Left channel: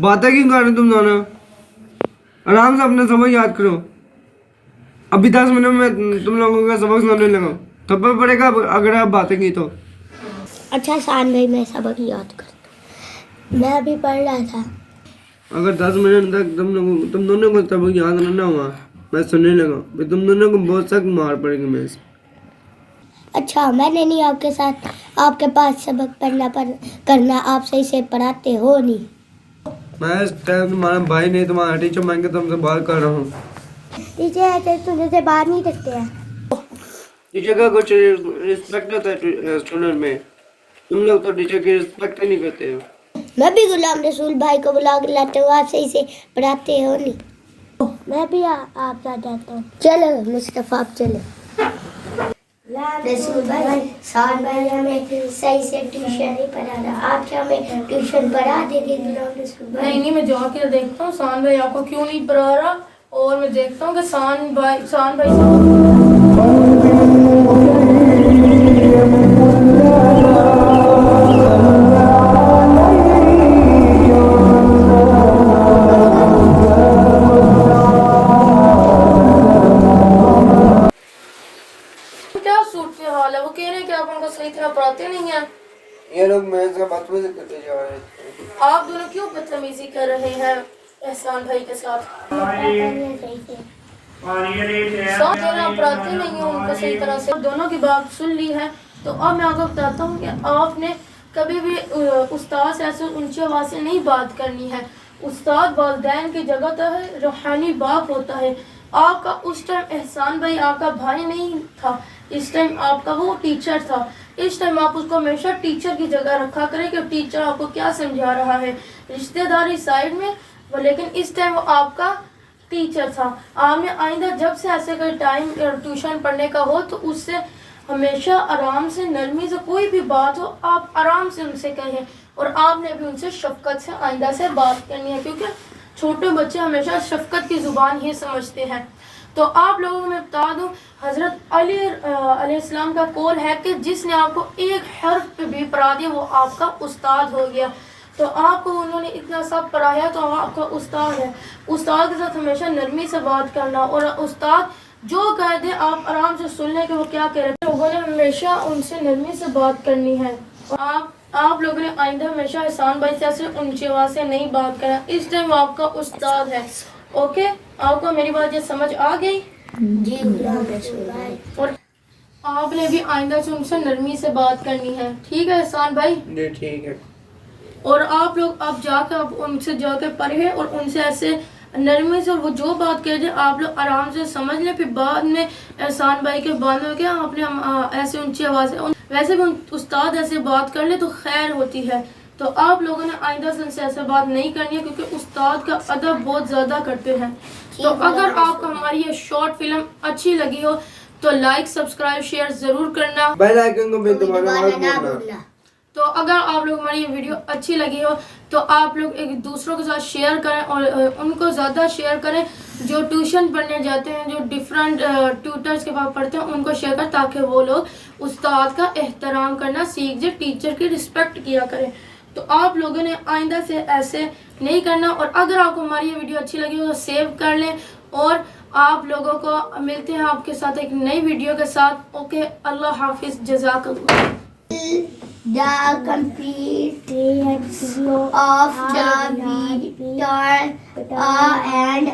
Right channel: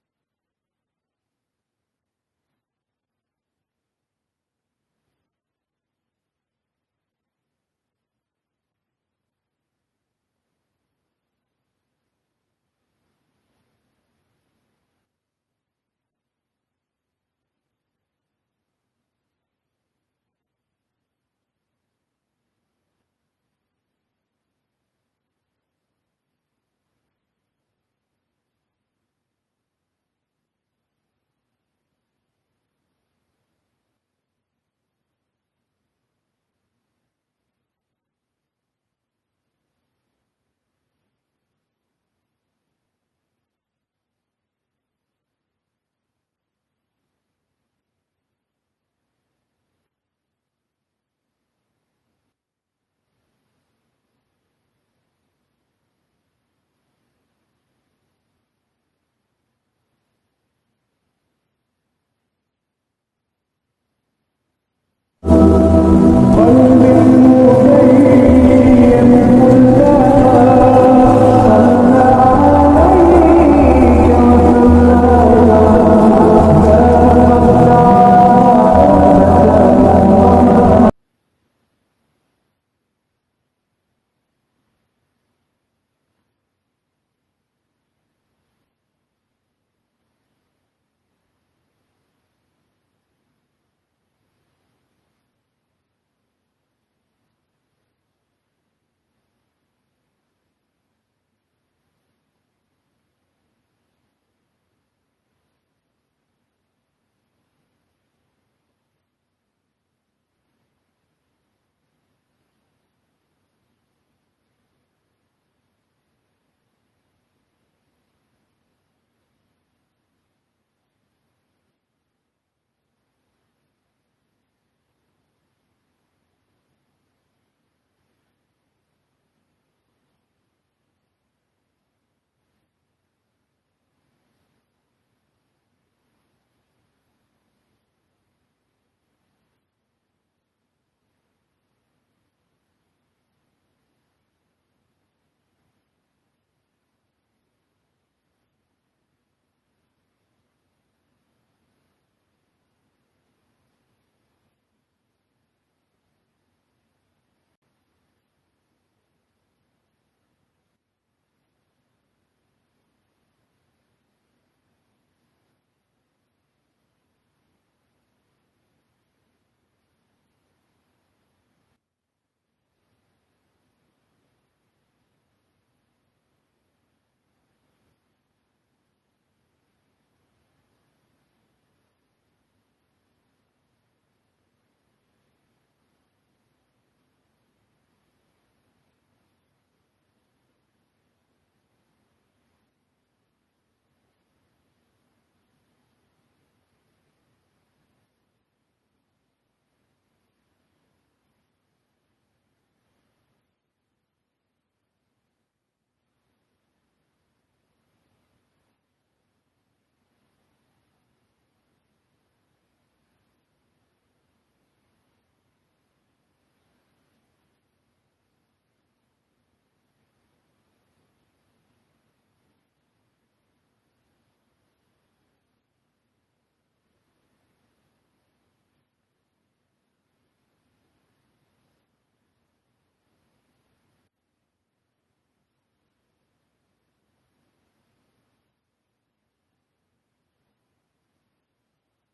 बातें क्यों कर रहे हो तुम दोनों? आराम से अपना सबक याद करो। अभी 10 मिनट में तुम लोगों का सबक सुनाने लगा। थप्पड़ पड़ेगा अगर आप बातें की तो। अच्छा शान भाई, मैं सबक याद करता। मैं अभी पढ़ रहा था। अगर 10 मिनट तक तुम दोनों को सबक याद ना हुआ, मैं सुनने लगा, फिर तुम दोनों को बहुत सख्त मार पड़ेगी मेरे से। अच्छा, मैंने नहीं आपके साथ आपके पास सबक करना, आप सही से पढ़ाते हो नहीं। मैं इस टाइम तुम्हारा भाई नहीं, तुम्हारा टीचर मान के तुमसे बात कर रहा हूँ। टीचर ऐसे तुझे से बात नहीं करते हैं। टीचर का कुछ रिस्पेक्ट होता है स्टूडेंट में। तुम लोग तो टीचर की रिस्पेक्ट ही नहीं करते हो। मैं भी गुलाम रसूल भाई को बुला के लाता हूँ, आप सही से पढ़ाते हो नहीं। मैं भी आप साथ जाता हूँ। चलो मुस्तफा, आप चलो। रसूल भाई, शान भाई हमें सही से ट्यूशन नहीं पढ़ा रहा, आप क्या हमें ट्यूशन पढ़ा देंगे गुलाम रसूल भाई? नहीं, मैं जाके देखता हूँ शान भाई आपको क्यों नहीं पढ़ा रहा, और मैं देखता हूँ कि शान भाई क्या सूट हाल है, वो कह रहे हैं कि आप उनको सही तरह पढ़ाते नहीं हैं। ये लोग मेरे से बदतमीजी करते जा रहे हैं। आप दोनों क्यों बदतमीजी कर रहे हैं एहसान भाई के साथ? सौ देना पढ़ाते नहीं हो उनको सही तरह से। दोनों की बात सुन ली है, तो अब मैं आपको बताता हूँ कि आपने कभी भी उस्ताद से ऐसे ऊंची आवाज़ से नहीं बात करनी है। उस्ताद वालिदैन की जगह तो है, रूहानी बाप होता है। आपका उस टाइम एहसान भाई आपका भाई नहीं था, इस टाइम आपका वो टीचर था। इस टाइम आप उसको हमेशा टीचर की जगह रखा करें कि टीचर आपको क्या समझा रहा है, रिश्तेदारी साइड में, लेकिन इस टाइम वो आपका टीचर था। आपने आइंदा जब से ऐसे कोई टाइम ट्यूशन पढ़ने का हो तो उससे हमेशा आराम से, नरमी से, कोई भी बात हो आप आराम से उनसे कहें, और आपने भी उनसे शफकत से आइंदा से बात करनी है, क्योंकि छोटे बच्चे हमेशा शफकत की ज़ुबान ही समझते हैं। तो आप लोगों को मैं बता दूं, हज़रत अली अलैहिस्सलाम का कौल है कि जिसने आपको एक हर्फ पे भी पढ़ा दिया वो आपका उस्ताद हो गया। तो आपको उन्होंने इतना सब पढ़ाया तो आपका उस्ताद है। उस्ताद के साथ हमेशा नरमी से बात करना, और उस्ताद जो कह दे आप आराम से सुन लें कि वो क्या कह रहे हैं। लोगों ने हमेशा उनसे नरमी से बात करनी है। आप लोगों ने आइंदा हमेशा एहसान भाई से ऐसे ऊंची आवाज़ से नहीं बात करना। इस टाइम आपका उस्ताद है। ओके, आपको मेरी बात ये समझ आ गई? जी गुलाम रसूल भाई। और आपने भी आइंदा से उनसे नरमी से बात करनी है, ठीक है एहसान भाई? जी ठीक है। और आप लोग अब जाकर अब उनसे जाकर पढ़े और उनसे ऐसे नरमी से, और वो जो बात कह दे आप लोग आराम से समझ लें। फिर बाद में एहसान भाई के बाद में क्या आपने ऐसे ऊंची आवाज़ से, वैसे भी उस्ताद ऐसे बात कर ले तो खैर होती है। तो आप लोगों ने आइंदा से उनसे ऐसे बात नहीं करनी है, क्योंकि उस्ताद का अदब बहुत ज़्यादा करते हैं। तो अगर आपको हमारी ये शॉर्ट फिल्म अच्छी लगी हो तो लाइक, सब्सक्राइब, शेयर ज़रूर करना। बेल आइकन को भी दबाना मत ना भूलना। भूलना। तो अगर आप लोग हमारी ये वीडियो अच्छी लगी हो तो आप लोग एक दूसरों के साथ शेयर करें, और उनको ज़्यादा शेयर करें जो ट्यूशन पढ़ने जाते हैं, जो डिफरेंट ट्यूटर्स के पास पढ़ते हैं, उनको शेयर करें ताकि वो लोग उस्ताद का एहतराम करना सीख जाए, टीचर की रिस्पेक्ट किया करें। तो आप लोगों ने आइंदा से ऐसे नहीं करना। और अगर आपको हमारी ये वीडियो अच्छी लगी हो तो सेव कर लें, और आप लोगों को मिलते हैं आपके साथ एक नई वीडियो के साथ। ओके, अल्लाह हाफिज़, जज़ाकल्लाह। The complete of the video and